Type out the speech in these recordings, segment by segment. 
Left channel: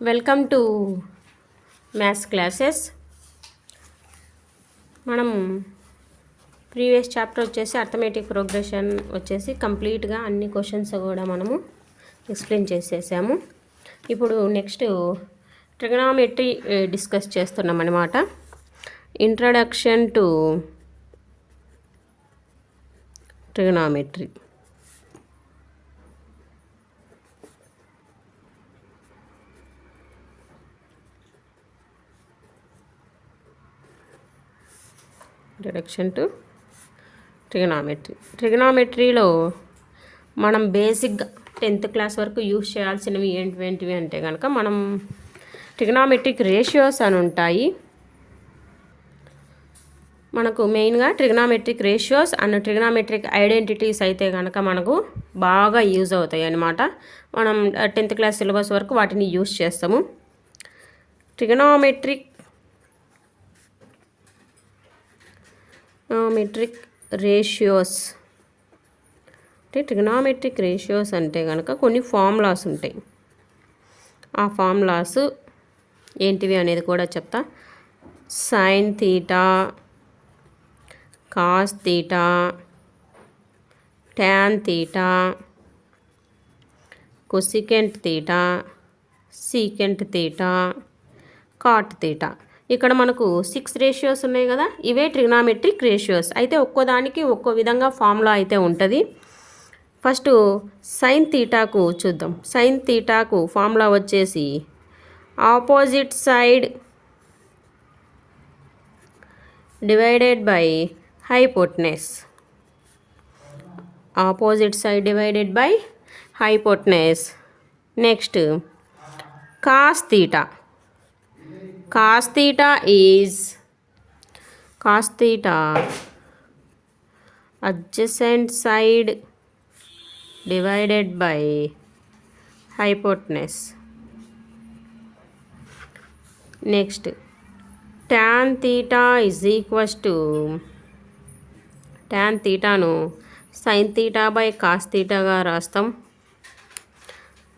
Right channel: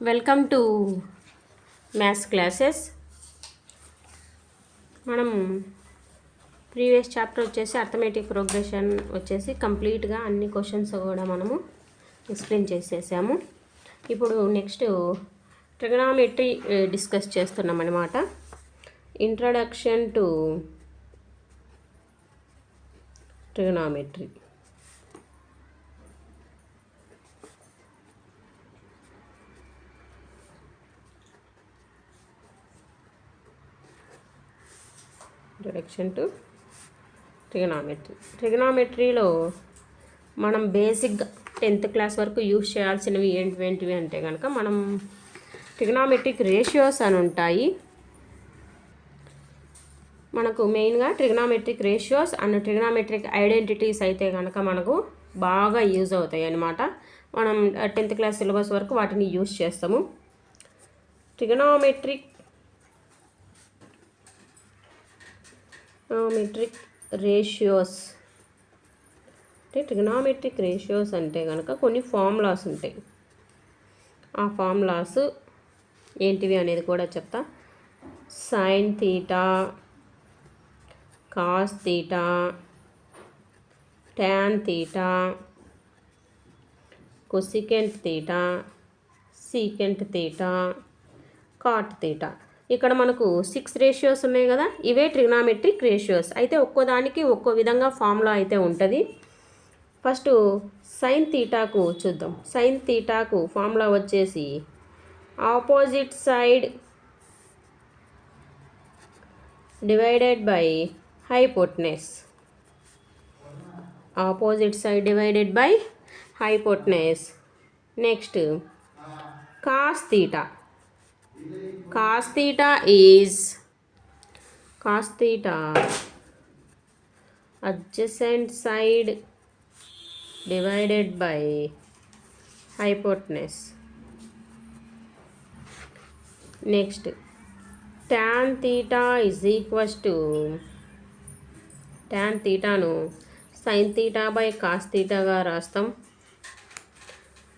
Welcome to maths classes. మనం previous chapter వచ్చేసి arithmetic progression వచ్చేసి కంప్లీట్గా అన్ని క్వశ్చన్స్ కూడా మనము ఎక్స్ప్లెయిన్ చేసేసాము. ఇప్పుడు నెక్స్ట్ ట్రిగనామెట్రీ డిస్కస్ చేస్తున్నాం అన్నమాట. Introduction to trigonometry. Introduction to ట్రిగనామెట్రీలో మనం బేసిక్గా 10th క్లాస్ వరకు యూజ్ చేయాల్సినవి ఏంటివి అంటే కనుక మనం ట్రిగనామెట్రిక్ రేషియోస్ అని ఉంటాయి. మనకు మెయిన్గా trigonometric ratios and trigonometric identities అయితే కనుక మనకు బాగా యూజ్ అవుతాయి అన్నమాట. మనం 10th క్లాస్ సిలబస్ వరకు వాటిని యూజ్ చేస్తాము. ట్రిగనామెట్రిక్ రేషియోస్ అంటే ట్రిగనామెట్రిక్ రేషియోస్ అంటే కనుక కొన్ని ఫార్ములాస్ ఉంటాయి. ఆ ఫార్ములాస్ ఏంటివి అనేది కూడా చెప్తా. Sine theta, cos theta, tan theta, cosecant theta, secant theta, cot theta. ఇక్కడ మనకు 6 రేషియోస్ ఉన్నాయి కదా, ఇవే ట్రిగనామెట్రిక్ రేషియోస్. అయితే ఒక్కోదానికి ఒక్కో విధంగా ఫార్ములా అయితే ఉంటుంది. ఫస్ట్ సైన్ థీటాకు చూద్దాం. సైన్ థీటాకు ఫార్ములా వచ్చేసి opposite side divided by hypotenuse. Opposite side divided by hypotenuse. Next cos theta. Cos theta is adjacent side divided by hypotenuse. Next, tan theta is equals to tan theta ను sin theta by cos theta గా రాస్తాం.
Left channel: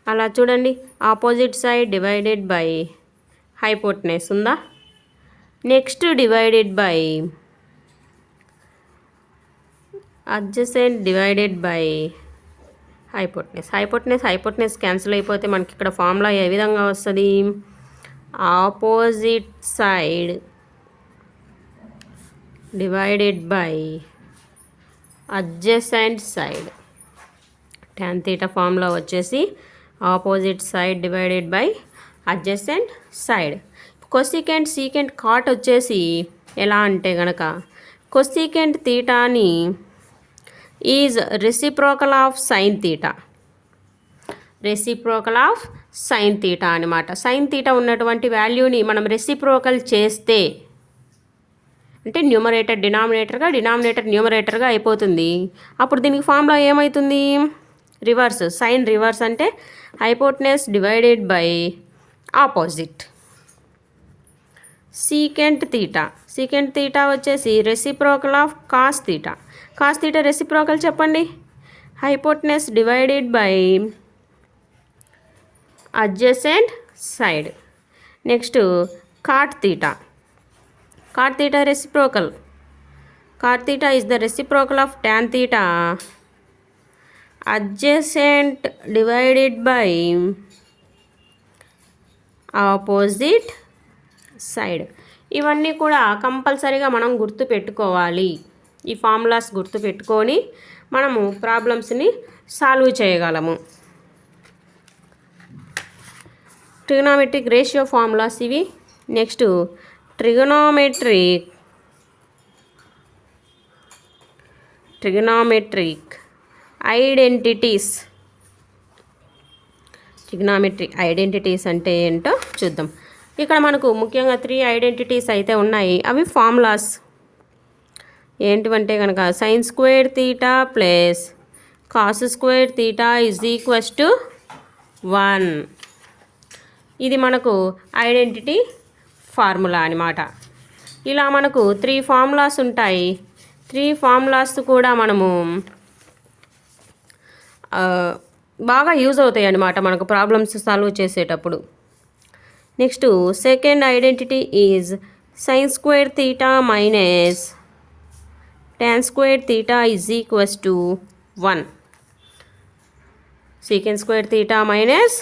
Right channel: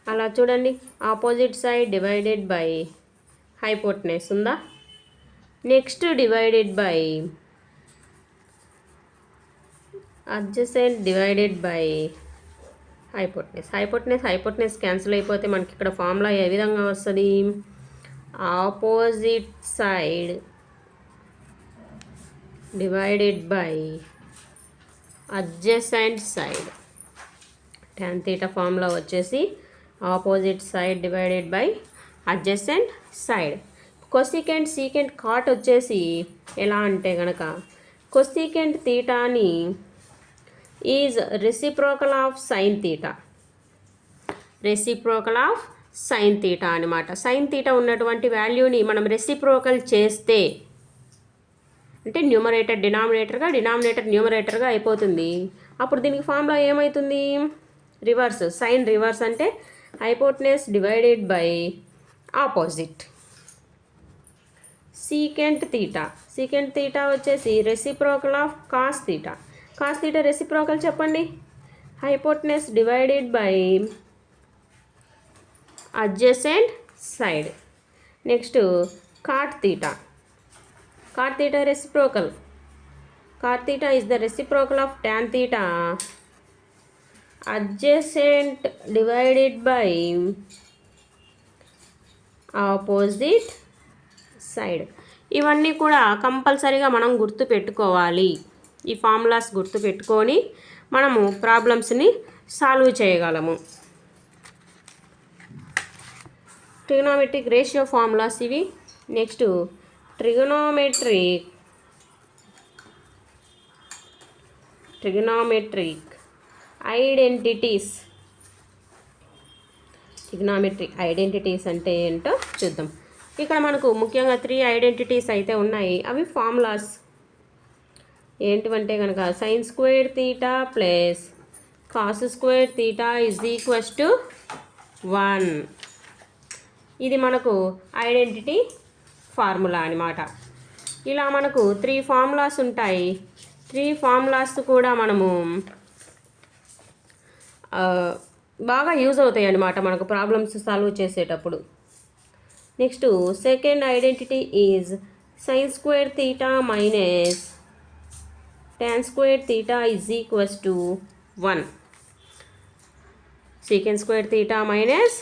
అలా చూడండి, opposite side divided by hypotenuse ఉందా. Next divided by adjacent divided by hypotenuse cancel అయిపోతే మనకి ఇక్కడ formula ఏ విధంగా వస్తుంది? Opposite side divided by adjacent side. tan theta formula వచ్చేసి opposite side divided by adjacent side. Cosecant, secant, cot వచ్చేసి ఎలా అంటే కనుక కొసికెంట్ థీటాని is reciprocal of sine theta. అనమాట. సైన్ థీటా ఉన్నటువంటి వాల్యూని మనం రెసిప్రోకల్ చేస్తే అంటే న్యూమరేటర్ డినామినేటర్గా, డినామినేటర్ న్యూమరేటర్గా అయిపోతుంది. అప్పుడు దీనికి ఫార్ములా ఏమవుతుంది? రివర్స్. సైన్ రివర్స్ అంటే hypotenuse divided by opposite. Secant theta వచ్చేసి reciprocal of cos theta reciprocal చెప్పండి. Hypotenuse divided by adjacent side. Next cot theta reciprocal. Cot theta is the reciprocal of tan theta adjacent divided by opposite side. ఇవన్నీ కూడా కంపల్సరీగా మనం గుర్తుపెట్టుకోవాలి. ఈ formulas గుర్తుపెట్టుకొని మనము ప్రాబ్లమ్స్ని సాల్వ్ చేయగలము. ట్రిగనామెట్రిక్ రేషియో ఫార్ములాస్ ఇవి. Next trigonometric identities. Trigonometric identities అంటే ఏంటో చూద్దాం. ఇక్కడ మనకు ముఖ్యంగా 3 ఐడెంటిటీస్ అయితే ఉన్నాయి. అవి ఫార్ములాస్ ఏంటివంటే కనుక sine square theta plus cos square theta is equals to 1. ఇది మనకు ఐడెంటిటీ ఫార్ములా అనమాట. ఇలా మనకు 3 ఫార్ములాస్ ఉంటాయి. 3 ఫార్ములాస్ కూడా మనము బాగా యూజ్ అవుతాయి అన్నమాట మనకు ప్రాబ్లమ్స్ సాల్వ్ చేసేటప్పుడు. Next second identity is sin square theta minus tan square theta is equals to 1. Secant square theta minus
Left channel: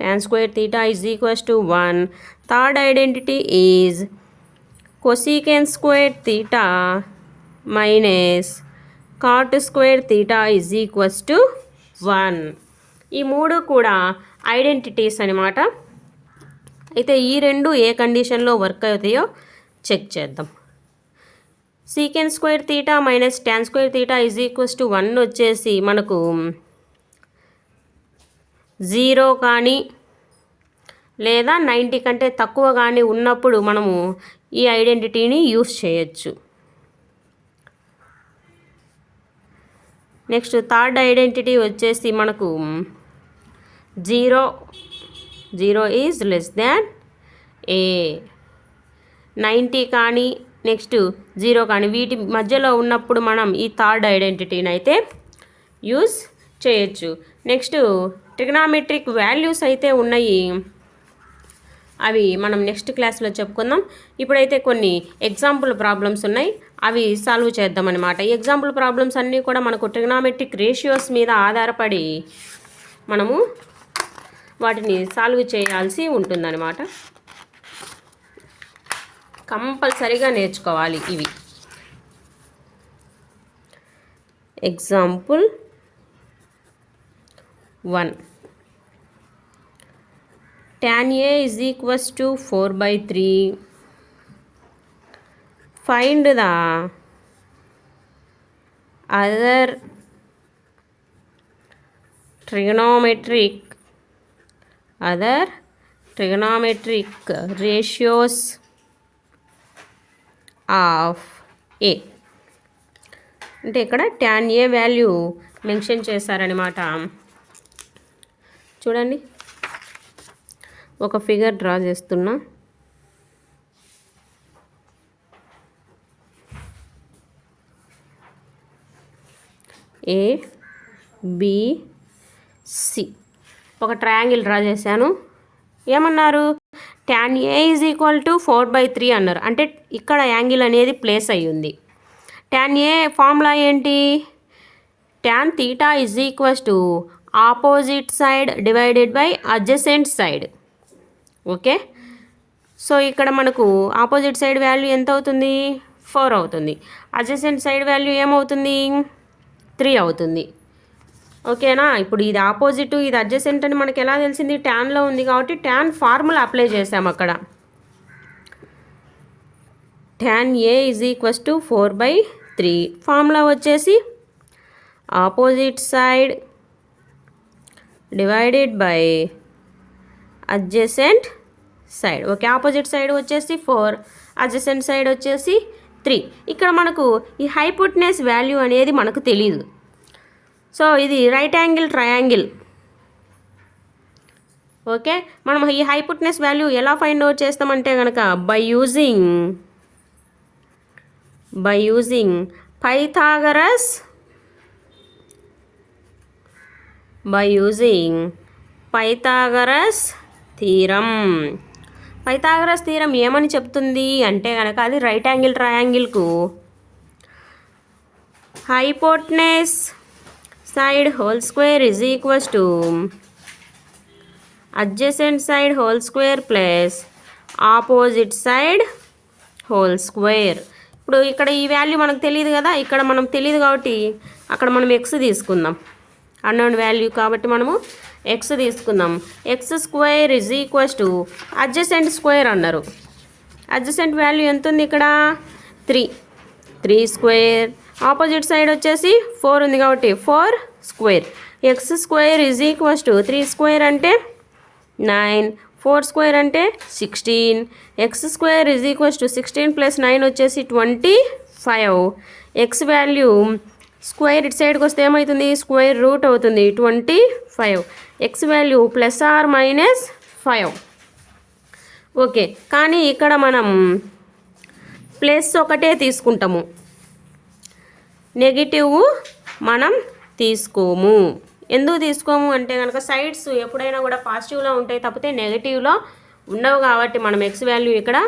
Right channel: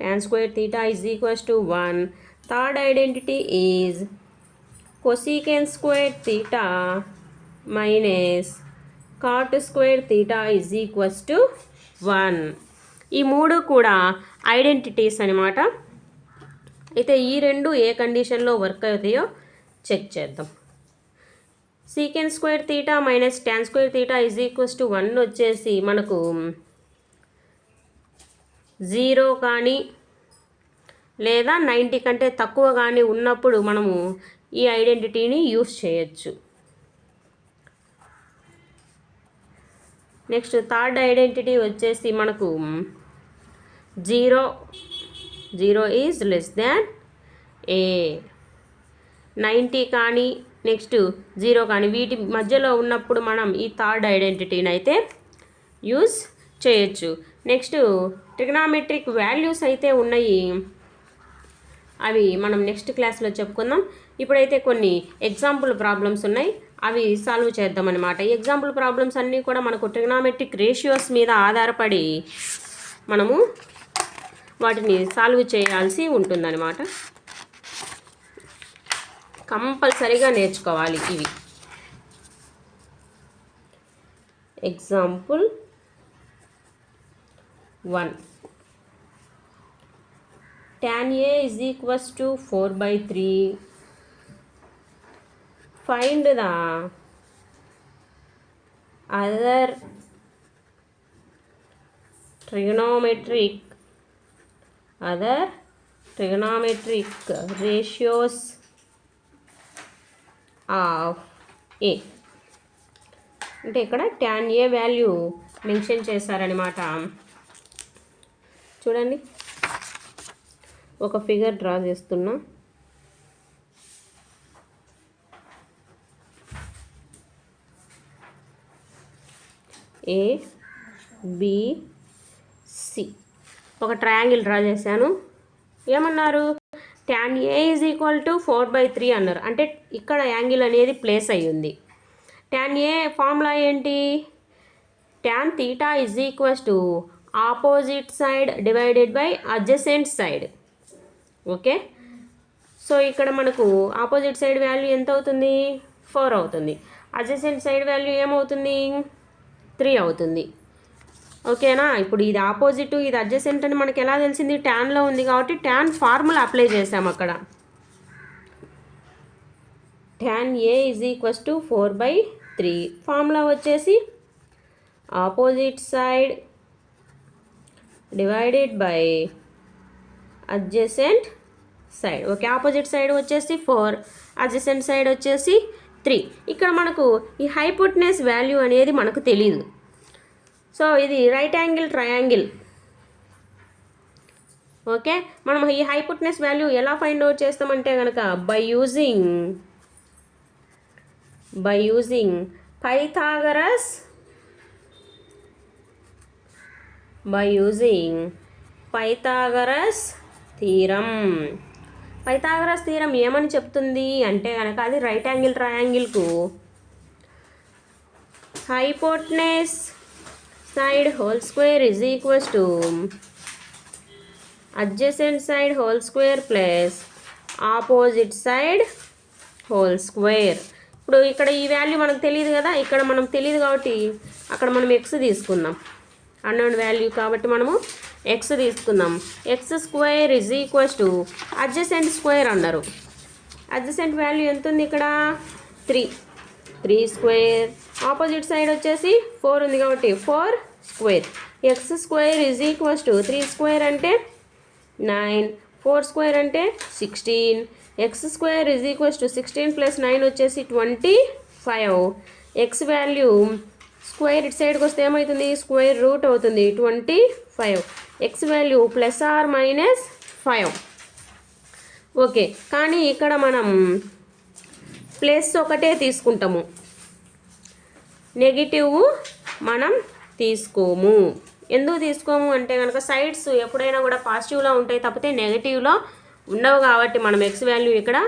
tan square theta is equals to 1. Third identity is cosecant square theta minus cot square theta is equals to 1. ఈ మూడు కూడా identities అనమాట. అయితే ఈ రెండు ఏ కండిషన్లో work అవుతాయో check చేద్దాం. Secant square theta minus tan square theta is equals to 1 వచ్చేసి మనకు 0 కానీ లేదా 90 కంటే తక్కువ కానీ ఉన్నప్పుడు మనము ఈ ఐడెంటిటీని యూస్ చేయొచ్చు. నెక్స్ట్ థర్డ్ ఐడెంటిటీ వచ్చేసి మనకు 0 ఈజ్ లెస్ దాన్ ఏ, 90 కానీ నెక్స్ట్ 0 కానీ వీటి మధ్యలో ఉన్నప్పుడు మనం ఈ థర్డ్ ఐడెంటిటీని అయితే యూస్ చేయొచ్చు. నెక్స్ట్ ట్రిగ్నామెట్రిక్ వాల్యూస్ అయితే ఉన్నాయి, అవి మనం నెక్స్ట్ క్లాస్లో చెప్పుకుందాం. ఇప్పుడైతే కొన్ని ఎగ్జాంపుల్ ప్రాబ్లమ్స్ ఉన్నాయి, అవి సాల్వ్ చేద్దామన్నమాట. ఈ ఎగ్జాంపుల్ ప్రాబ్లమ్స్ అన్నీ కూడా మనకు ట్రిగ్నామెట్రిక్ రేషియోస్ మీద ఆధారపడి మనము వాటిని సాల్వ్ చేయాల్సి ఉంటుందన్నమాట. కంపల్సరీగా నేర్చుకోవాలి ఇవి. Example 1, tan A is equals to 4/3. Find the other trigonometric ratios of A. అంటే ఇక్కడ tan A వాల్యూ మెన్షన్ చేశారనమాట. చూడండి, ఒక ఫిగర్ డ్రా చేస్తున్నా. ఏ బి సి ఒక ట్రయాంగిల్ డ్రా చేశాను. ఏమన్నారు? tan A is equal to 4/3 అన్నారు. అంటే ఇక్కడ యాంగిల్ అనేది ప్లేస్ అయ్యింది. tan A ఫార్ములా ఏంటి? tan theta is equals to opposite side divided by adjacent side. Okay, so ఇక్కడ మనకు ఆపోజిట్ సైడ్ వాల్యూ ఎంత అవుతుంది? 4 అవుతుంది. అడ్జసెంట్ సైడ్ వాల్యూ ఏమవుతుంది? 3 అవుతుంది. ఓకేనా? ఇప్పుడు ఇది ఆపోజిట్, ఇది అడ్జసెంట్ అని మనకి ఎలా తెలిసింది? ట్యాన్లో ఉంది కాబట్టి ట్యాన్ ఫార్ములా అప్లై చేసాం అక్కడ. tan A is equals to 4/3. Formula వచ్చేసి opposite side divided by adjacent side. Okay, opposite side వచ్చేసి 4, అడ్జసెంట్ సైడ్ వచ్చేసి 3. ఇక్కడ మనకు ఈ హైపోటెనస్ వాల్యూ అనేది మనకు తెలియదు. సో ఇది రైట్ యాంగిల్ ట్రయాంగిల్. ఓకే, మనం ఈ హైపోటెనస్ వాల్యూ ఎలా ఫైండ్ అవుట్ చేస్తామంటే కనుక by using Pythagoras theorem. Pythagoras theorem ఏమని చెప్తుంది అంటే కనుక అది రైట్ యాంగిల్ ట్రయాంగిల్కు hypotenuse side whole square is equals to adjacent side whole square plus opposite side whole square. ఇప్పుడు ఇక్కడ ఈ వాల్యూ మనకు తెలియదు కదా, ఇక్కడ మనం తెలియదు కాబట్టి అక్కడ మనం ఎక్స్ తీసుకుందాం. అన్నోన్ వాల్యూ కాబట్టి మనము ఎక్స్ తీసుకుందాం. X square is equals to adjacent square అన్నారు. అడ్జసెంట్ వాల్యూ ఎంత ఉంది ఇక్కడ? 3 స్క్వేర్. ఆపోజిట్ సైడ్ వచ్చేసి 4 ఉంది కాబట్టి 4 square. X square is equals to 3 square అంటే 9, 4 స్క్వేర్ అంటే 16. X square is equals to 16 plus 9 వచ్చేసి 25. ఎక్స్ వాల్యూ స్క్వేర్ ఇటు సైడ్కి వస్తే ఏమవుతుంది? స్క్వేర్ రూట్ అవుతుంది 25. X value plus or minus 5. Okay, కానీ ఇక్కడ మనం ప్లస్ ఒకటే తీసుకుంటాము, నెగిటివ్ మనం తీసుకోము. ఎందుకు తీసుకోము అంటే కనుక సైడ్స్ ఎప్పుడైనా కూడా పాజిటివ్లో ఉంటాయి తప్పితే నెగిటివ్లో ఉండవు కాబట్టి మనం ఎక్స్ వాల్యూ ఇక్కడ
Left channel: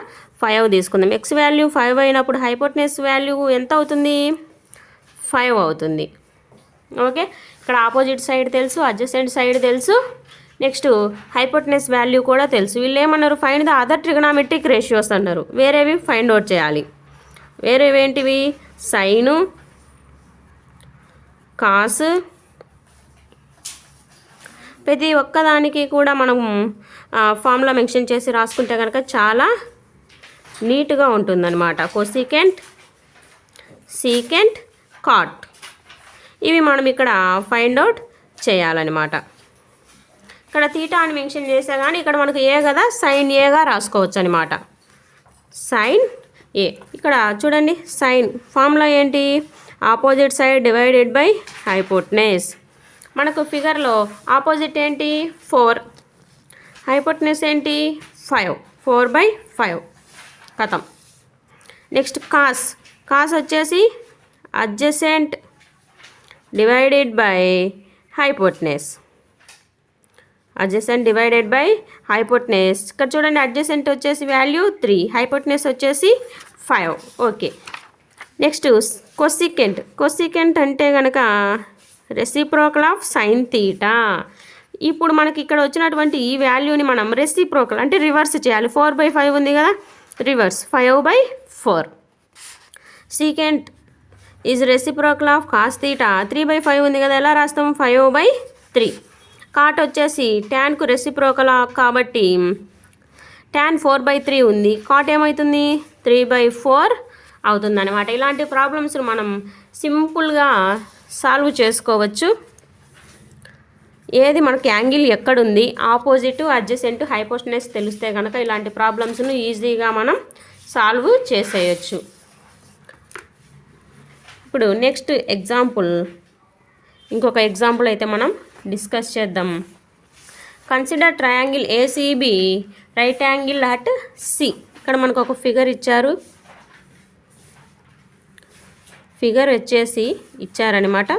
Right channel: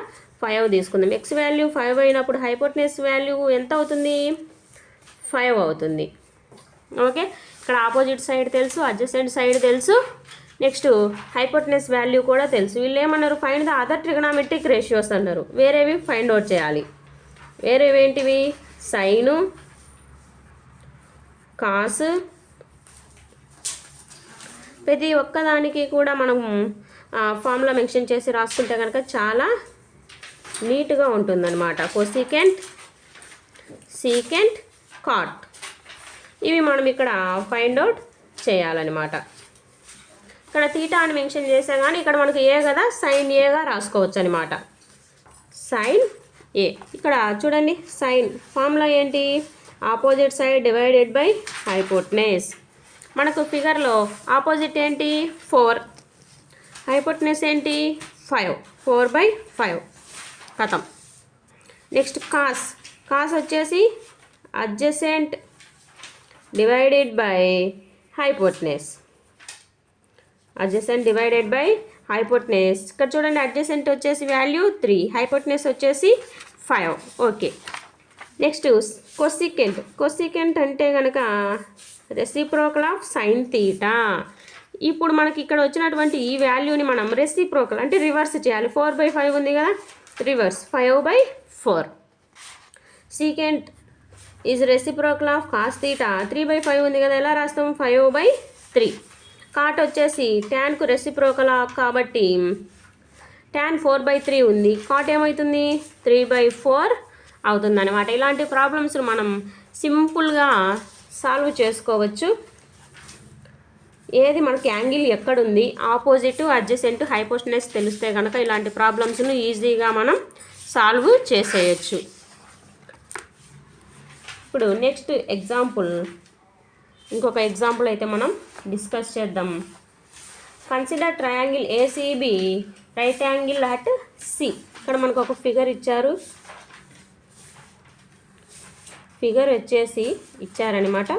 5 తీసుకుందాం. ఎక్స్ వాల్యూ 5 అయినప్పుడు హైపోటెనస్ వాల్యూ ఎంత అవుతుంది? 5 అవుతుంది. ఓకే, ఇక్కడ ఆపోజిట్ సైడ్ తెలుసు, అడ్జసెంట్ సైడ్ తెలుసు, నెక్స్ట్ హైపోటెనస్ వాల్యూ కూడా తెలుసు. వీళ్ళు ఏమన్నారు? Find the other trigonometric ratios అన్నారు. వేరేవి ఫైండ్ అవుట్ చేయాలి. వేరేవి ఏంటివి? సైను, కాస్, ప్రతి ఒక్కదానికి కూడా మనం ఫార్ములా మెన్షన్ చేసి రాసుకుంటే కనుక చాలా నీట్గా ఉంటుందన్నమాట. కొసీకెంట్, సీకెంట్, కాట్, ఇవి మనం ఇక్కడ ఫైండ్ అవుట్ చేయాలన్నమాట. ఇక్కడ తీటా అని మెన్షన్ చేసా కానీ ఇక్కడ మనకు ఏ కదా, సైన్ ఏగా రాసుకోవచ్చు అనమాట. సైన్ ఏ. ఇక్కడ చూడండి, సైన్ ఫార్ములా ఏంటి? Opposite side divided by hypotenuse. మనకు ఫిగర్లో ఆపోజిట్ ఏంటి? 4, హైపోటెనస్ ఏంటి? 5. 4/5 కథం. Next cos. కాస్ వచ్చేసి adjacent divided by hypotenuse. Adjacent divided by hypotenuse. ఇక్కడ చూడండి, అడ్జసెంట్ వచ్చేసి వాల్యూ 3, హైపోటెనస్ వచ్చేసి 5. Okay, next cosecant. కొసీకెంట్ అంటే కనుక రెసిప్రోకల్ ఆఫ్ సైన్ తీటా. ఇప్పుడు మనకి ఇక్కడ వచ్చినటువంటి ఈ వాల్యూని మనం రెసిప్రోకల్ అంటే రివర్స్ చేయాలి. 4/5 ఉంది కదా, reverse 5/4. Secant is reciprocal of cos theta. 3/5 ఉంది కదా, ఎలా రాస్తాం? 5/3. కాట్ వచ్చేసి ట్యాన్కు రెసిప్రోకల్ కాబట్టి ట్యాన్ 4/3 ఉంది. కాట్ ఏమవుతుంది? 3/4 అవుతుంది అనమాట. ఇలాంటి ప్రాబ్లమ్స్ మనం సింపుల్గా సాల్వ్ చేసుకోవచ్చు. ఏది మనకి యాంగిల్ ఎక్కడుంది, ఆపోజిట్, అడ్జసెంట్, హైపోటెనస్ తెలిస్తే కనుక ఇలాంటి ప్రాబ్లమ్స్ను ఈజీగా మనం సాల్వ్ చేసేయచ్చు. ఇప్పుడు నెక్స్ట్ ఎగ్జాంపుల్, ఇంకొక ఎగ్జాంపుల్ అయితే మనం డిస్కస్ చేద్దాం. Consider triangle ACB right angle at C. ఇక్కడ మనకు ఒక ఫిగర్ ఇచ్చారు. ఫిగర్ వచ్చేసి ఇచ్చారనమాట.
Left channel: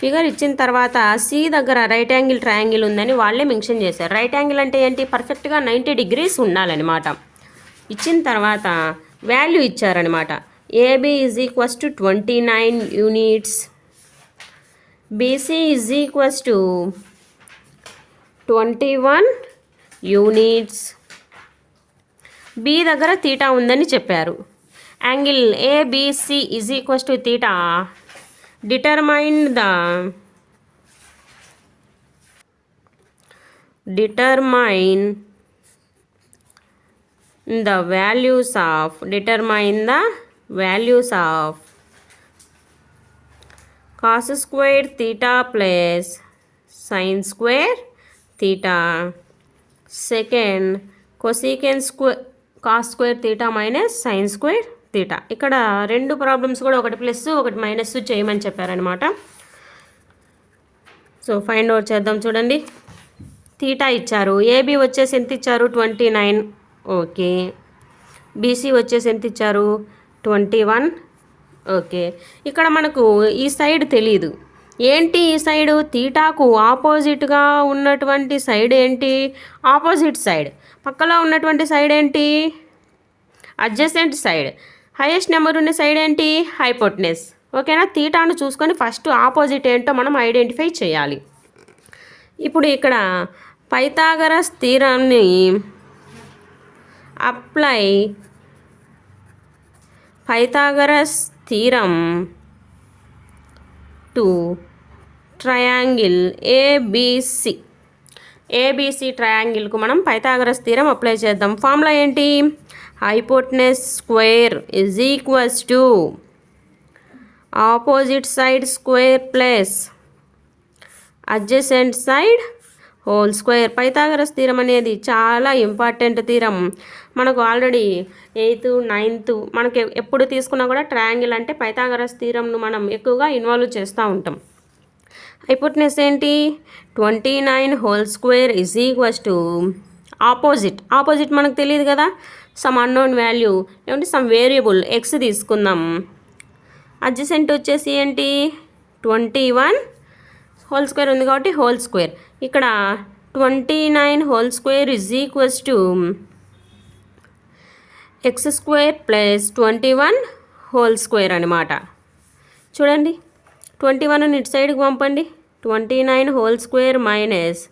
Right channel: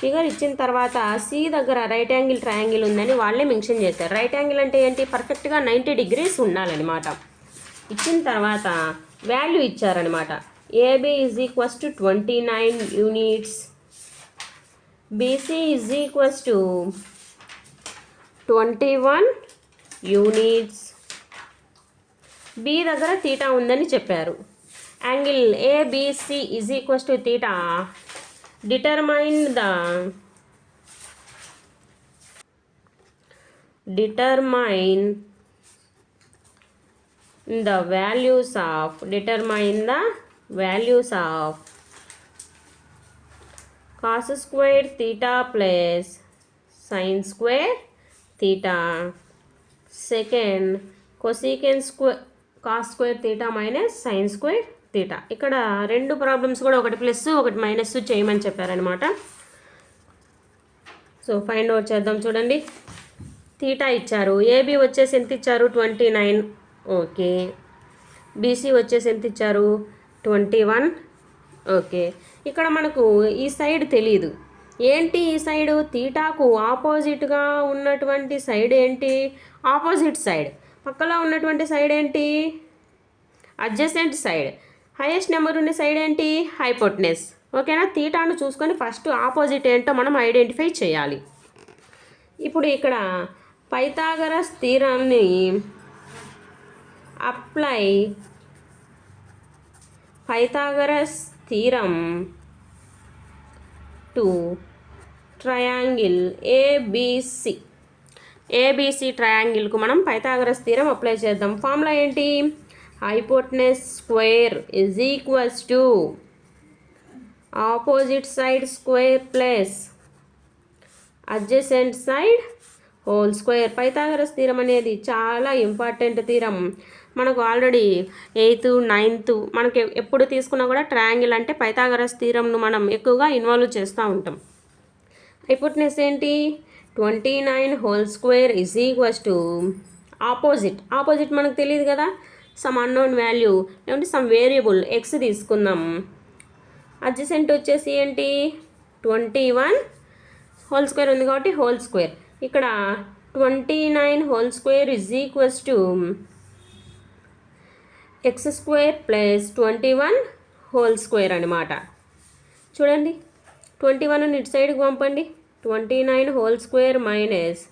ఫిగర్ ఇచ్చిన తర్వాత సి దగ్గర రైట్ యాంగిల్ ట్రయాంగిల్ ఉందని వాళ్ళే మెన్షన్ చేశారు. రైట్ యాంగిల్ అంటే ఏంటి? పర్ఫెక్ట్గా 90 degrees ఉండాలన్నమాట. ఇచ్చిన తర్వాత వాల్యూ ఇచ్చారనమాట. AB is equals to 29 units, BC is equals to 21 units. B దగ్గర తీటా ఉందని చెప్పారు. Angle ABC is equals to theta. Determine the values of cos square theta plus sin square theta. Second, cosecant square cos square theta minus sin square theta. ఇక్కడ రెండు problems కూడా ఒకటి plus ఒకటి minus చేయమని చెప్పారనమాట. So find out చేద్దాం. చూడండి, theta ఇచ్చారు. ఏబి వచ్చేసి ఎంత ఇచ్చారు? 29. ఓకే. బీసీ వచ్చేసి ఎంత ఇచ్చారు? 21. ఓకే. ఇక్కడ మనకు ఈ సైడ్ తెలీదు. ఏంటి ఈ సైడు? తీటాకు ఆపోజిట్గా ఉన్నటువంటి సైడ్ ఏంటి? Opposite side. పక్కలో ఉన్నటువంటి సైడ్ ఏంటి? Adjacent side. హైయెస్ట్ నెంబర్ ఉన్న సైడ్ ఏంటి? హైపోటెనస్. ఓకేనా? తీటాను చూసుకొని ఫస్ట్ ఆపోజిట్ ఏంటో మనం ఐడెంటిఫై చేయాలి. ఇప్పుడు ఇక్కడ పైథాగరస్ థీరంని apply. Pythagoras theorem to triangle ABC. ABC ట్రయాంగిల్కు మనం పైథాగరస్ థీరం అప్లై చేద్దాం. ఫార్ములా ఏంటి? Hypotenuse square is equals to opposite side square plus adjacent side whole square. Pythagoras theorem అనేది చాలా ఇంపార్టెంట్ థీరం. మనకు ఆల్రెడీ 8th 9th మనకి ఎప్పుడు తీసుకున్నా కూడా ట్రయాంగిల్ అంటే పైథాగరస్ థీరంను మనం ఎక్కువగా ఇన్వాల్వ్ చేస్తూ ఉంటాం. హైపోటెనస్ ఏంటి? 29 whole square is equals to opposite మనకు తెలియదు కదా, సమ్ అన్నోన్ వాల్యూ లేకుంటే సమ్ వేరియబుల్ ఎక్స్ తీసుకుందాం. అడ్జసెంట్ వచ్చేసి ఏంటి? 21 హోల్ స్క్వేర్ ఉంది కాబట్టి హోల్ స్క్వేర్. ఇక్కడ 29 whole square is equals to x square plus 21 whole square అనమాట. చూడండి 21 ఇటు సైడ్కి పంపండి. 29 whole square minus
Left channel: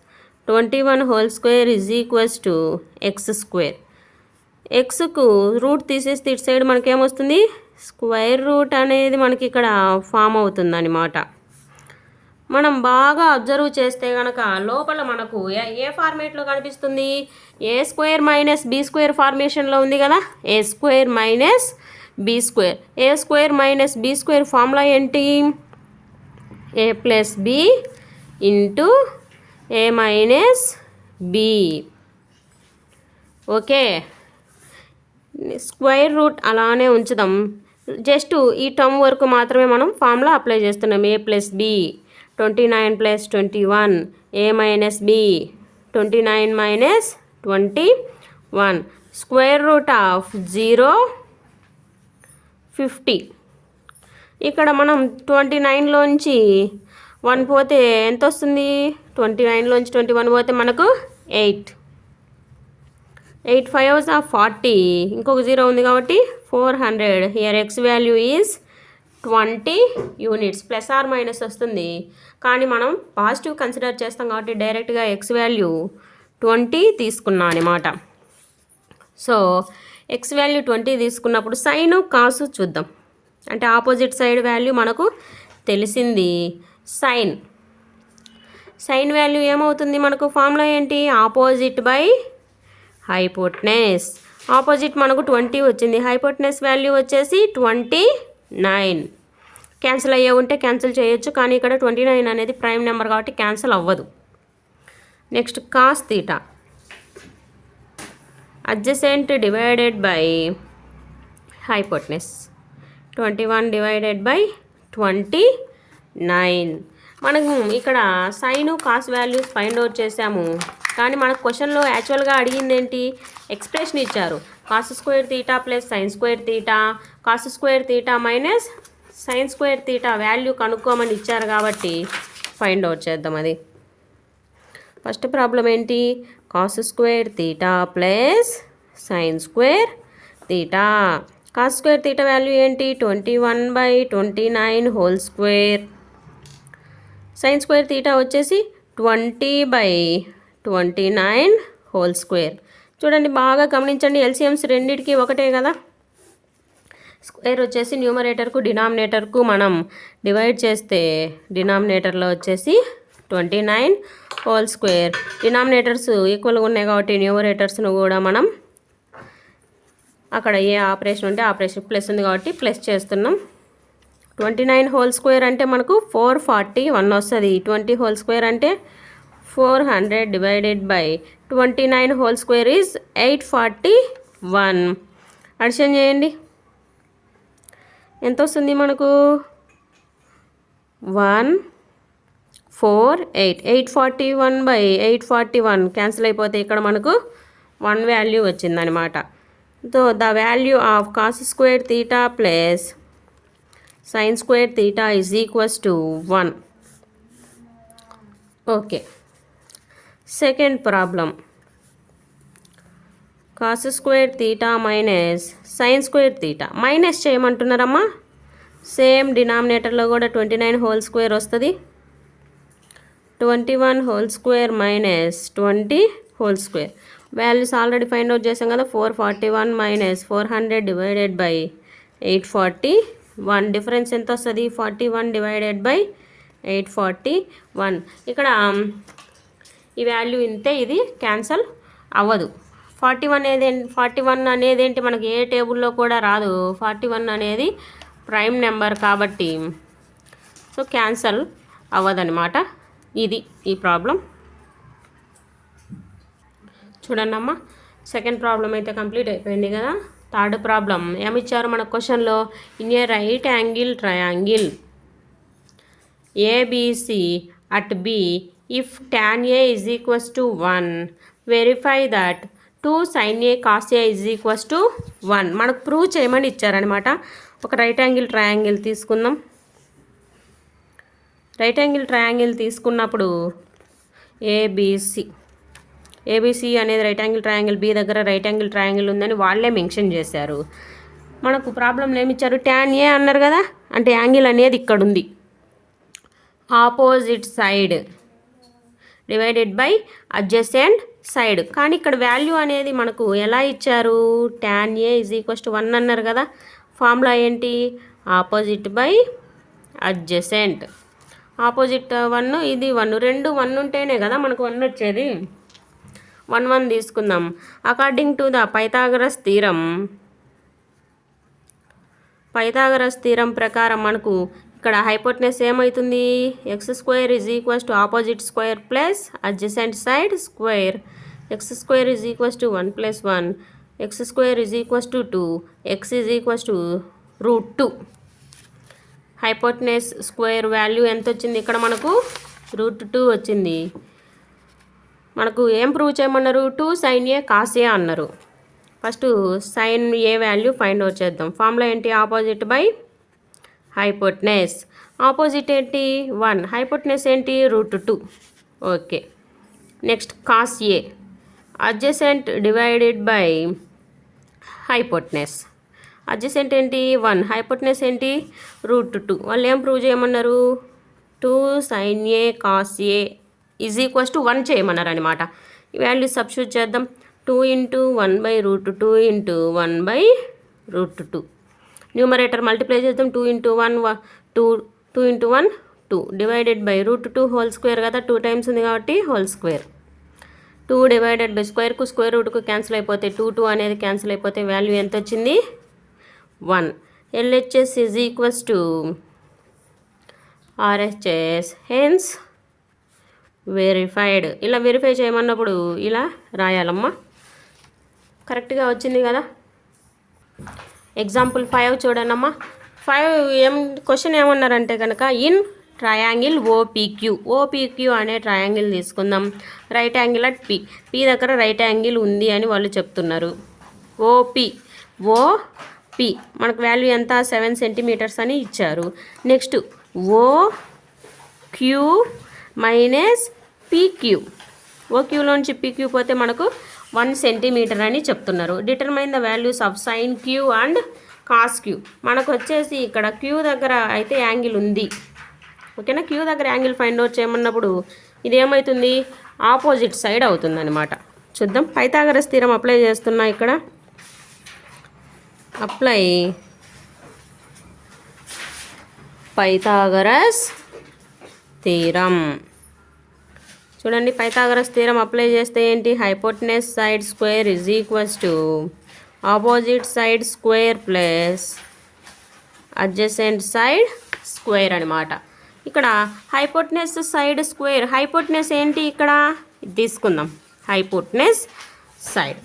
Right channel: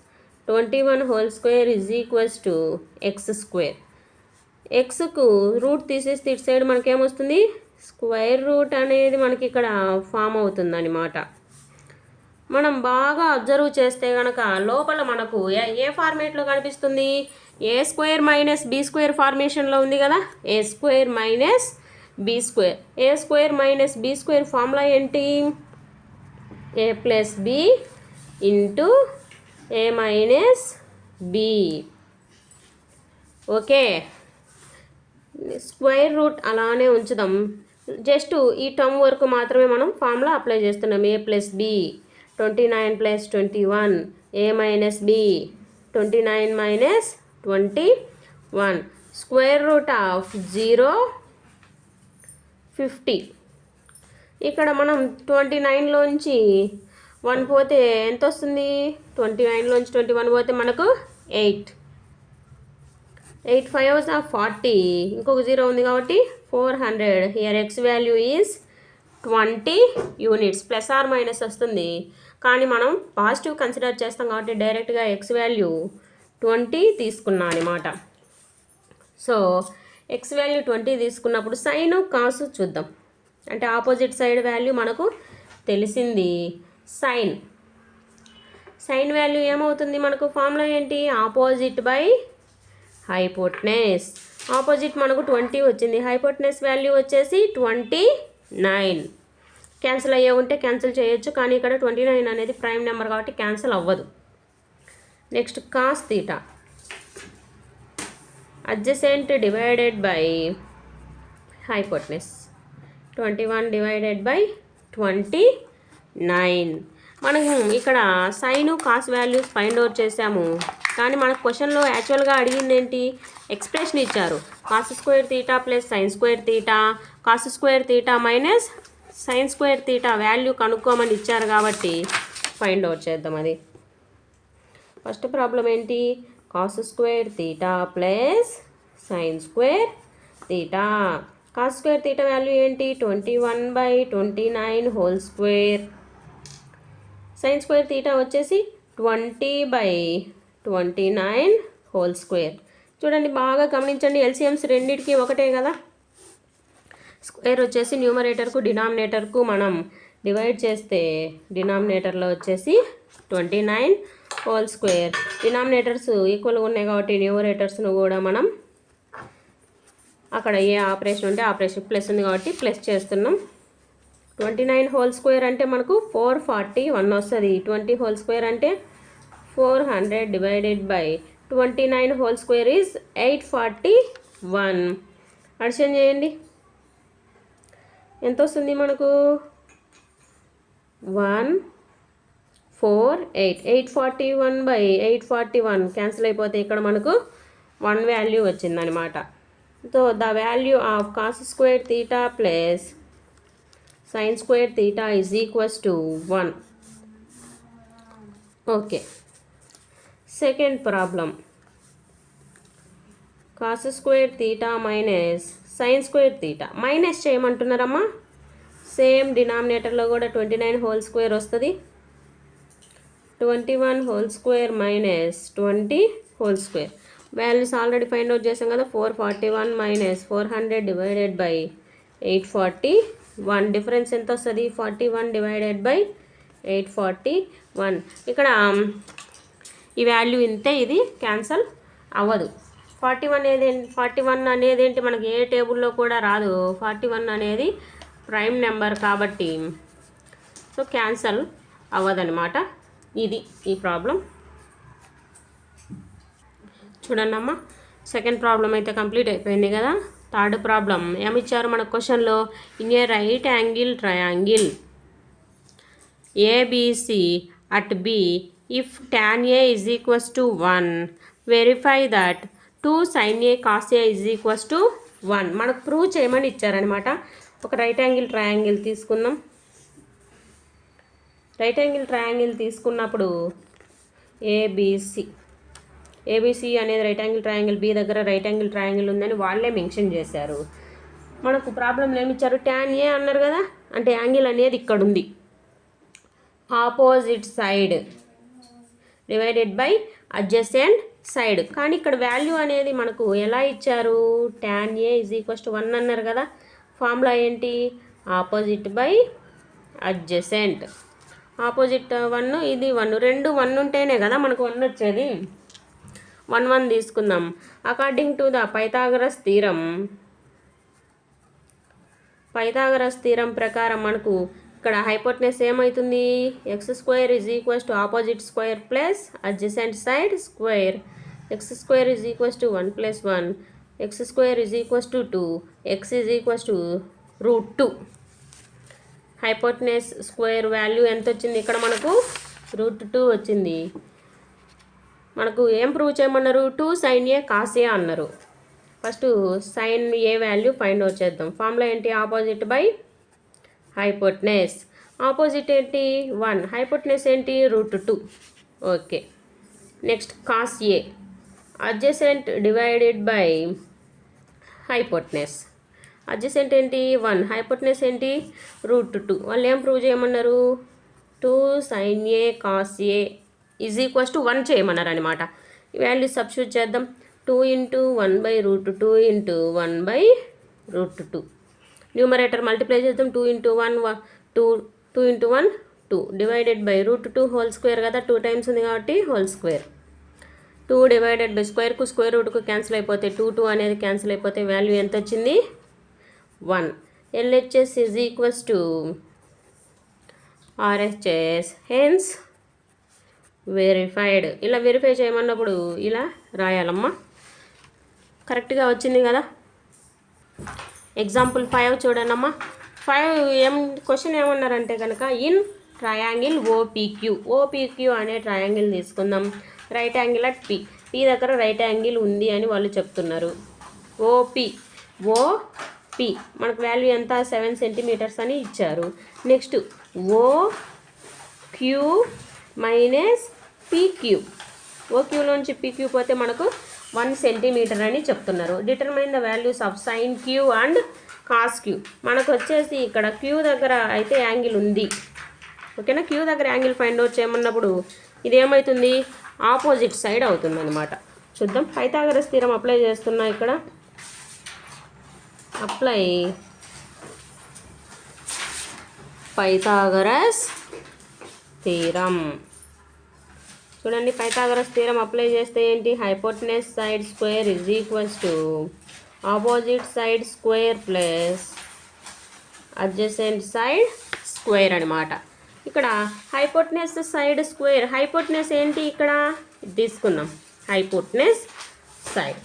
21 whole square is equals to x square. ఎక్స్కు రూట్ తీసేస్తే ఇటు సైడ్ మనకేమొస్తుంది, స్క్వేర్ రూట్ అనేది మనకి ఇక్కడ ఫామ్ అవుతుంది అనమాట. మనం బాగా అబ్జర్వ్ చేస్తే కనుక లోపల మనకు ఏ ఫార్మేట్లో కనిపిస్తుంది, A square minus B square ఫార్మేషన్లో ఉంది కదా, A square minus B square. A square minus B square formula ఏంటి, A plus B into A minus B. Okay, square root అలానే ఉంచుదాం. జస్ట్ ఈ టర్మ్ వరకు మాత్రమే మనం ఫార్ములా అప్లై చేస్తున్నాం. A plus B 29 plus 21, A minus B 29 minus 21, square root of 0 50. ఇక్కడ మనం 29లోంచి 1 పోతే ఎంత వస్తుంది, 29లోంచి 21 పోతే మనకు 8. 8 5s are 40, ఇంకొక 0 ఉంది కాబట్టి 400. Here x value is 20 units. Plus or minus వస్తుంది, కానీ మనం పాజిటివ్ కన్సిడర్ చేస్తాం కాబట్టి డైరెక్ట్గా ఎక్స్ వాల్యూ 20 తీసుకున్నాం అనమాట. సో ఎక్స్ వాల్యూ 20 తీసుకున్నప్పుడు సైను కాసు చూద్దాం. అంటే ఆపోజిట్ సైడ్ వాల్యూ మనకు తెలిసింది. సైన్ వాల్యూ ఏమవుతుంది, మనకు ఫార్ములా ఏంటి, ఆపోజిట్ బై హైపోటెనస్. ఆపోజిట్ మనకు 20 వచ్చింది, హైపోటెనస్ వాల్యూ వచ్చేసి 29. క్యాన్సిల్ అయ్యే ఉంటే క్యాన్సిల్ చేయొచ్చు, కానీ ఇక్కడ 29 అనేది ప్రైమ్ నెంబర్ కాబట్టి క్యాన్సిల్ అవ్వదు. Next cos theta, adjacent divided by hypotenuse. 21 divided by 29. మనకు ఇక్కడ sine cos values find out చేసాము, కానీ మన క్వశ్చన్లో యాక్చువల్గా అడిగింది ఏంటి, ఎక్స్ప్రెషన్ ఇచ్చారు. Cos square theta plus sine square theta, cos square theta minus sine square theta value కనుక్కోమని ఇచ్చారు కాబట్టి ఫైండ్ అవుట్ చేద్దాం. అది ఫస్ట్ ప్రాబ్లం ఏంటి, cos square theta plus sine square theta. Cos square theta value ఏంటి, 21/29 whole square. Sign square theta వచ్చేసి 20/29 whole square. చూడండి బాగా గమనించండి, ఎల్సిఎమ్స్ రెండింటికి ఒకటే కదా. స్క్వేర్ వచ్చేసి న్యూమరేటర్కు డినామినేటర్కు మనం డివైడ్ చేస్తే డినామినేటర్లో వచ్చేసి 29 హోల్ స్క్వేర్. డినామినేటర్స్ ఈక్వల్గా ఉన్నాయి కాబట్టి న్యూమరేటర్స్ను కూడా మనం అక్కడ ఏ ఆపరేషన్ ఉంటే ఆపరేషన్ ప్లస్ ఉంది కాబట్టి ప్లస్ చేస్తున్నాం. 29 హోల్ స్క్వేర్ అంటే మనకు 441 వస్తుంది. 20 హోల్ స్క్వేర్ అంటే 400 divided by 29 whole square is 841. Addition చేయండి, ఎంత వస్తుంది మనకు, 148. 841/841 క్యాన్సిల్ అయిపోతే ఇక్కడ మనకు 1 వాల్యూ వచ్చిందనమాట. So the value of cos square theta plus sine square theta is equals to 1. Okay, second problem, cos square theta minus sine square theta. Minus చేయమంటున్నారమ్మా, same డినామినేటర్లో కూడా 29 హోల్ స్క్వేర్ వస్తుంది. 21 whole square minus 20 whole square. Values already find out చేసాం కదా. 441 minus 400 divided by 841. Difference ఎంత వస్తుంది, 41 divided by 841. ఇక్కడ ఈ వాల్యూ ఇంతే, ఇది క్యాన్సల్ అవ్వదు. 41 అనేది ఏంటి, మనకి ఏ టేబుల్లో కూడా రాదు. 41 అనేది ప్రైమ్ నెంబర్ కాబట్టి సో క్యాన్సల్ అవ్వదనమాట. ఇది ఈ ప్రాబ్లం. చూడండి అమ్మ, సెకండ్ ప్రాబ్లం అయితే కంప్లీట్ అయిపోయింది కదా. థర్డ్ ప్రాబ్లం ఏమిచ్చారు మన క్వశ్చన్లో, in a right angle triangle ABC at B if tan A is equals to 1 verify that 2 sin A cos A is equals to 1. మనకు ప్రూవ్ చేయమని ఇచ్చారనమాట. ఒక రైట్ యాంగిల్ ట్రయాంగిల్ తీసుకుందాం. రైట్ యాంగిల్ ట్రయాంగిల్ తీసుకున్నప్పుడు ABC ABC అనేది right angle triangle, B దగ్గర right angle triangle ఉందని వాళ్ళే మెన్షన్ చేశారు. మనకు ప్రాబ్లంలో ఏమి ఇచ్చారు, ట్యాన్ ఏ అన్నారు కదా, అంటే యాంగిల్ అనేది ఇక్కడ ఉంది, opposite side divided by adjacent side. కానీ ఇక్కడ వాల్యూ అనేది మనకు ఎలా ఇచ్చారు, tan A is equals to 1 అన్నారు కదా. ఫార్ములా ఏంటి, ఆపోజిట్ బై అడ్జసెంట్. ఆపోజిట్ 1, ఇది 1, రెండు 1 ఉంటేనే కదా మనకు 1 వచ్చేది. 1 1 తీసుకుందాం. According to the Pythagoras theorem ప్రకారం మనకు ఇక్కడ హైపోటెనస్ ఏమవుతుంది, x² is equals to opposite square plus adjacent side square. x² is equals to 1 + 1, x² is equals to 2, x is equals to √2. Hypotenuse square value ఎంత వచ్చింది ఇక్కడ మనకు, √2 వచ్చింది. మనకు ఏం ప్రూవ్ చేయమన్నారు, 2 sin A cos A అన్నారు. First sin A value find out చేద్దాం. ఫార్ములా ఏంటి, ఆపోజిట్ బై హైపోటెనస్. ఆపోజిట్ ఏంటి 1, హైపోటెనస్ ఏంటి √2. Okay, next cos A, adjacent divided by hypotenuse. Adjacent ఏంటి 1, హైపోటెనస్ ఏంటి √2. వాళ్ళు ఏం ప్రూవ్ చేయమన్నారు, 2 sin A cos A is equals to 1 చేయమన్నారు అనమాట. ఈ వాల్యూ సబ్స్టిట్యూట్ చేద్దాం. 2 × 1/√2 × 1/√2. న్యూమరేటర్ మల్టిప్లై చేద్దాం. 2 × 1 2, 2 × 1 2, డివైడెడ్ బై √2 హోల్ స్క్వేర్ కదా, 2 టైమ్స్ ఉంది కాబట్టి హోల్ స్క్వేర్. 2 డివైడెడ్ బై స్క్వేర్కు స్క్వేర్ రూట్కు క్యాన్సిల్ అయిపోతే 2 2 అనేది క్యాన్సిల్ అయిపోతే వాల్యూ ఎంత వచ్చింది, 1. LHS is equals to RHS, hence verified. ఇలా వెరిఫై చేయమన్నప్పుడు ఇలా రాయాలమ్మా. కరెక్ట్గా వచ్చింది కదా. ఎగ్జాంపుల్ 5 చూడండమ్మా. 5 క్వశ్చన్ ఏమన్నారంటే కనుక, ఇన్ ట్రయాంగిల్ ఓపీక్యూ అనే ట్రయాంగిల్ తీసుకుందాం. రైట్ యాంగిల్ అట్ పి దగ్గర రైట్ యాంగిల్ ఉంది అని వాళ్ళు చెప్తున్నారు. ఓపి మనకు వాల్యూ ఎంత, 7 సెంటీమీటర్స్ అని ఇచ్చారు. నెక్స్ట్ ఓక్యూ మైనస్ పీక్యూ, ఓక్యూలోంచి పీక్యూ పోతే మనకు 1 సెంటీమీటర్ అని చెప్తున్నారు. Determine the values of sine Q and cos Q. మనకు వచ్చేసి ఇక్కడ క్యూ దగ్గర అయితే యాంగిల్ ఉంది, ఓకేనా. క్యూ దగ్గర యాంగిల్ ఫైండ్ అవుట్ చేయమన్నప్పుడు ఇది ఏమవుతుంది, ఆపోజిట్ సైడ్ అవుతుంది అనమాట. చూద్దాం. పైథాగరస్ థీరం అప్లై చేస్తున్నా ఇక్కడ. Apply Pythagoras theorem. చూడండి, పైథాగరస్ థీరం అప్లై చేస్తే ఏంటి, hypotenuse side square is equals to opposite side square plus adjacent side square అనమాట. ఇక్కడ హైపోటెనస్ సైడ్ స్క్వేర్, హైపోటెనస్ ఏంటి ఇక్కడ తీసుకుందాం, hypotenuse side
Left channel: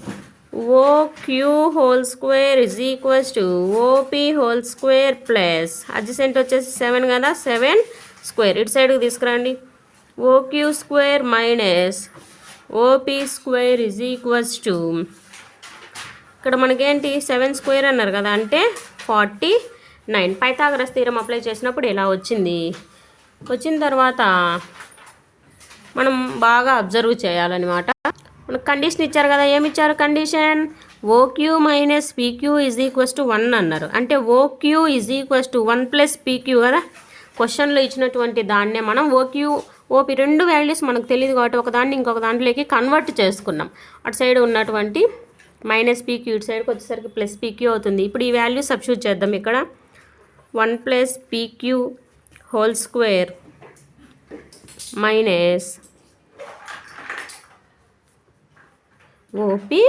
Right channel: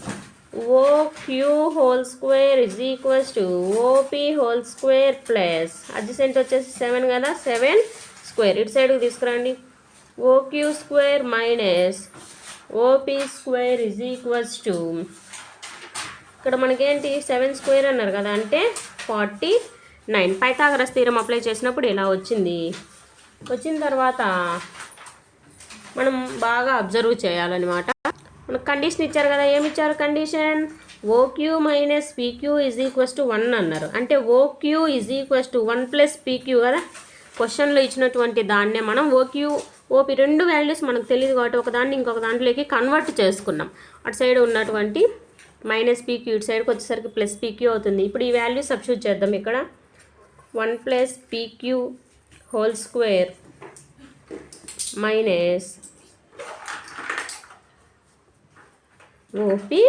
OQ whole square is equals to OP whole square plus adjacent వచ్చేసి 7 కదా, 7 square ఇటు సైడ్కి తీసుకురండి. OQ square minus OP square is equals to, ఇక్కడ మనకేంటి 7 స్క్వేర్ అన్నారు కదా, అంటే 49. పైథాగరస్ థీరం అప్లై చేసినప్పుడు ఇలా వచ్చింది. వచ్చిన తర్వాత మనం బాగా అబ్జర్వ్ చేయాలన్నమాట. మనకు కండిషన్ ఇచ్చారు కదా, ఏమి ఇచ్చారు condition, OQ minus PQ is equals to 1 అన్నారు. అంటే OQ is equals to 1 + PQ కదా. క్వశ్చన్లో ఇచ్చినటువంటి దాన్నే మనం ఓపీ రెండు వాల్యూస్ మనకు తెలియదు కాబట్టి ఒక దాన్ని ఇంకొక దాంట్లోకి కన్వర్ట్ చేసుకున్నాం. అటు సైడ్ ఉన్నటువంటి మైనస్ పీక్యూ ఇటు సైడ్కి వచ్చేసరికి ప్లస్ పీక్యూ అవుతుంది. ఇప్పుడు ఈ వాల్యూ సబ్స్టిట్యూట్ చేద్దాం. ఇక్కడ 1 + PQ whole square minus OP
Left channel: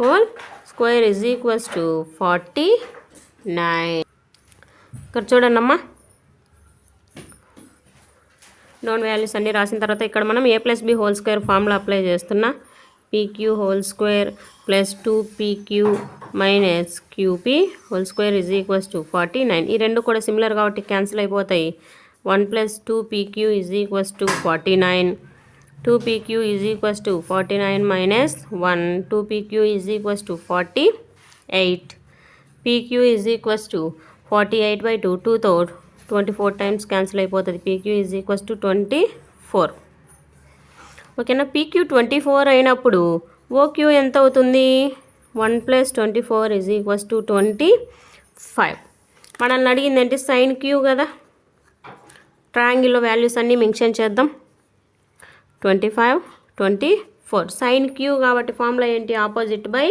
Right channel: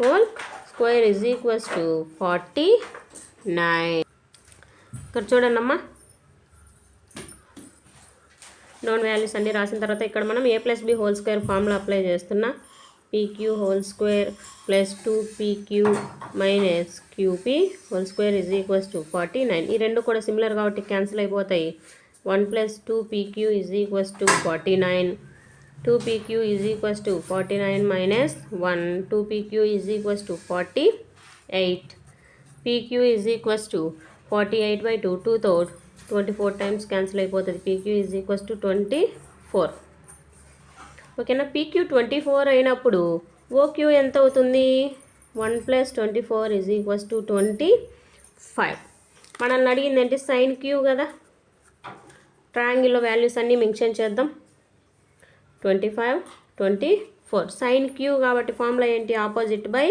whole square is equals to 49. ఇక్కడ చూడండి అమ్మా, నోన్ వాల్యూస్ అన్నీ రాసిన తర్వాత ఇక్కడ మనం a + b whole square formula apply చేస్తున్నా. PQ whole square plus 2pq minus qp whole square is equals to 49. ఈ రెండు కూడా సిమిలర్ కాబట్టి క్యాన్సిల్ అయిపోతాయి. 1 + 2pq is equals to 49. 2pq is equals to 49 minus 1, 2pq is equals to 48. pq is equals to 48/2, 2తో 24 times cancel అయిపోతుంది. pq is equals to 24. ఓకేనా. PQ 24 అయినప్పుడు OQ ఎంత అవుతుంది? 1 + 24 = 25. మనల్ని అడిగింది ఏంటి? సైన్ క్యూ కదా. ట్రయాంగిల్లో వాల్యూస్ అన్నీ మెన్షన్ చేద్దాం. 25, 24. సైన్ క్యూ కాబట్టి ఫార్ములా ఏంటి? Opposite by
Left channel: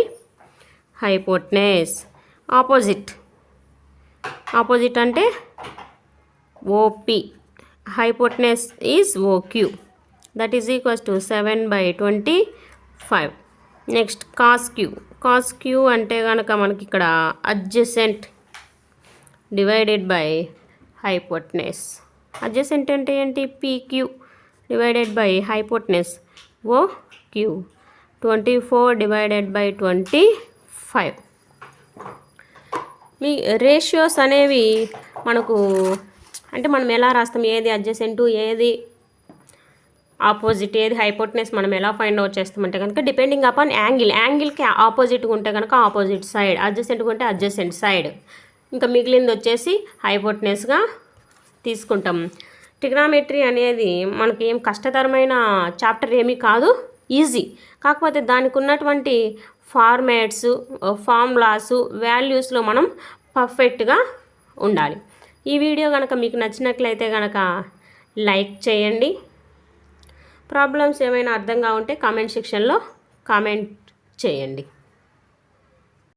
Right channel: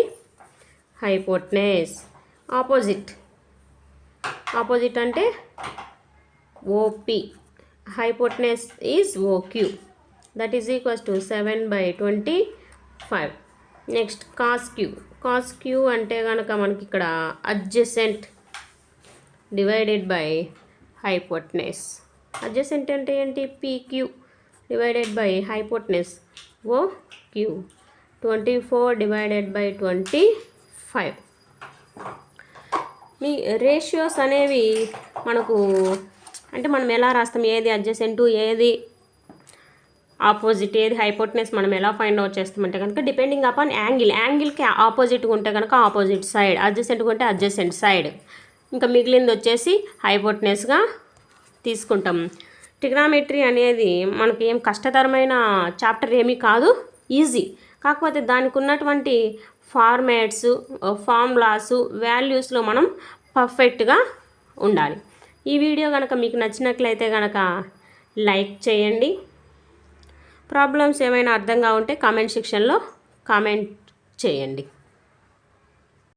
hypotenuse. ఆపోజిట్ అంటే OP, hypotenuse is OQ. That is equals to 7/25. Next cos Q అంటే కనుక మనకి ఇక్కడ adjacent divided by hypotenuse. Adjacent అంటే ఏంటి? PQ divided by hypotenuse OQ. 24/25. మీ రేషియోస్ అనేవి మనకు అంటే మనం ఎలా రాస్తాం? ఏది అడ్జసెంటు, ఏది ఆపోజిట్, ఏది హైపోటెనస్ మనం ఎలా ఫైండ్ అవుట్ చేస్తామంటే కనుక డిపెండింగ్ అపాన్ యాంగిల్కి ఆపోజిట్గా ఉంటే కనుక ఆపోజిట్ సైడ్, అడ్జసెంట్గా ఉంటే అడ్జసెంట్ సైడ్, ఇంకా మిగిలింది వచ్చేసి హైపోటెనస్గా తీసుకుంటాం. ట్రిగ్నామెట్రీ అనేది మనకి ఏం కష్టతరమైన చాప్టర్ ఏమీ కాదు, ఈజీ. కాకపోతే దానికి ఉన్నటువంటి ఫార్ములాస్, వాల్యూస్లో మనం పర్ఫెక్ట్గా ఉండాలి. ఈ వీడియో కనుక మీకు నచ్చినట్లయితే కనుక లైక్ చేయండి. ప్రాబ్లమ్స్ ఏమైనా అర్థంగా ఉంటే కామెంట్ సెక్షన్లో కామెంట్ చేయండి.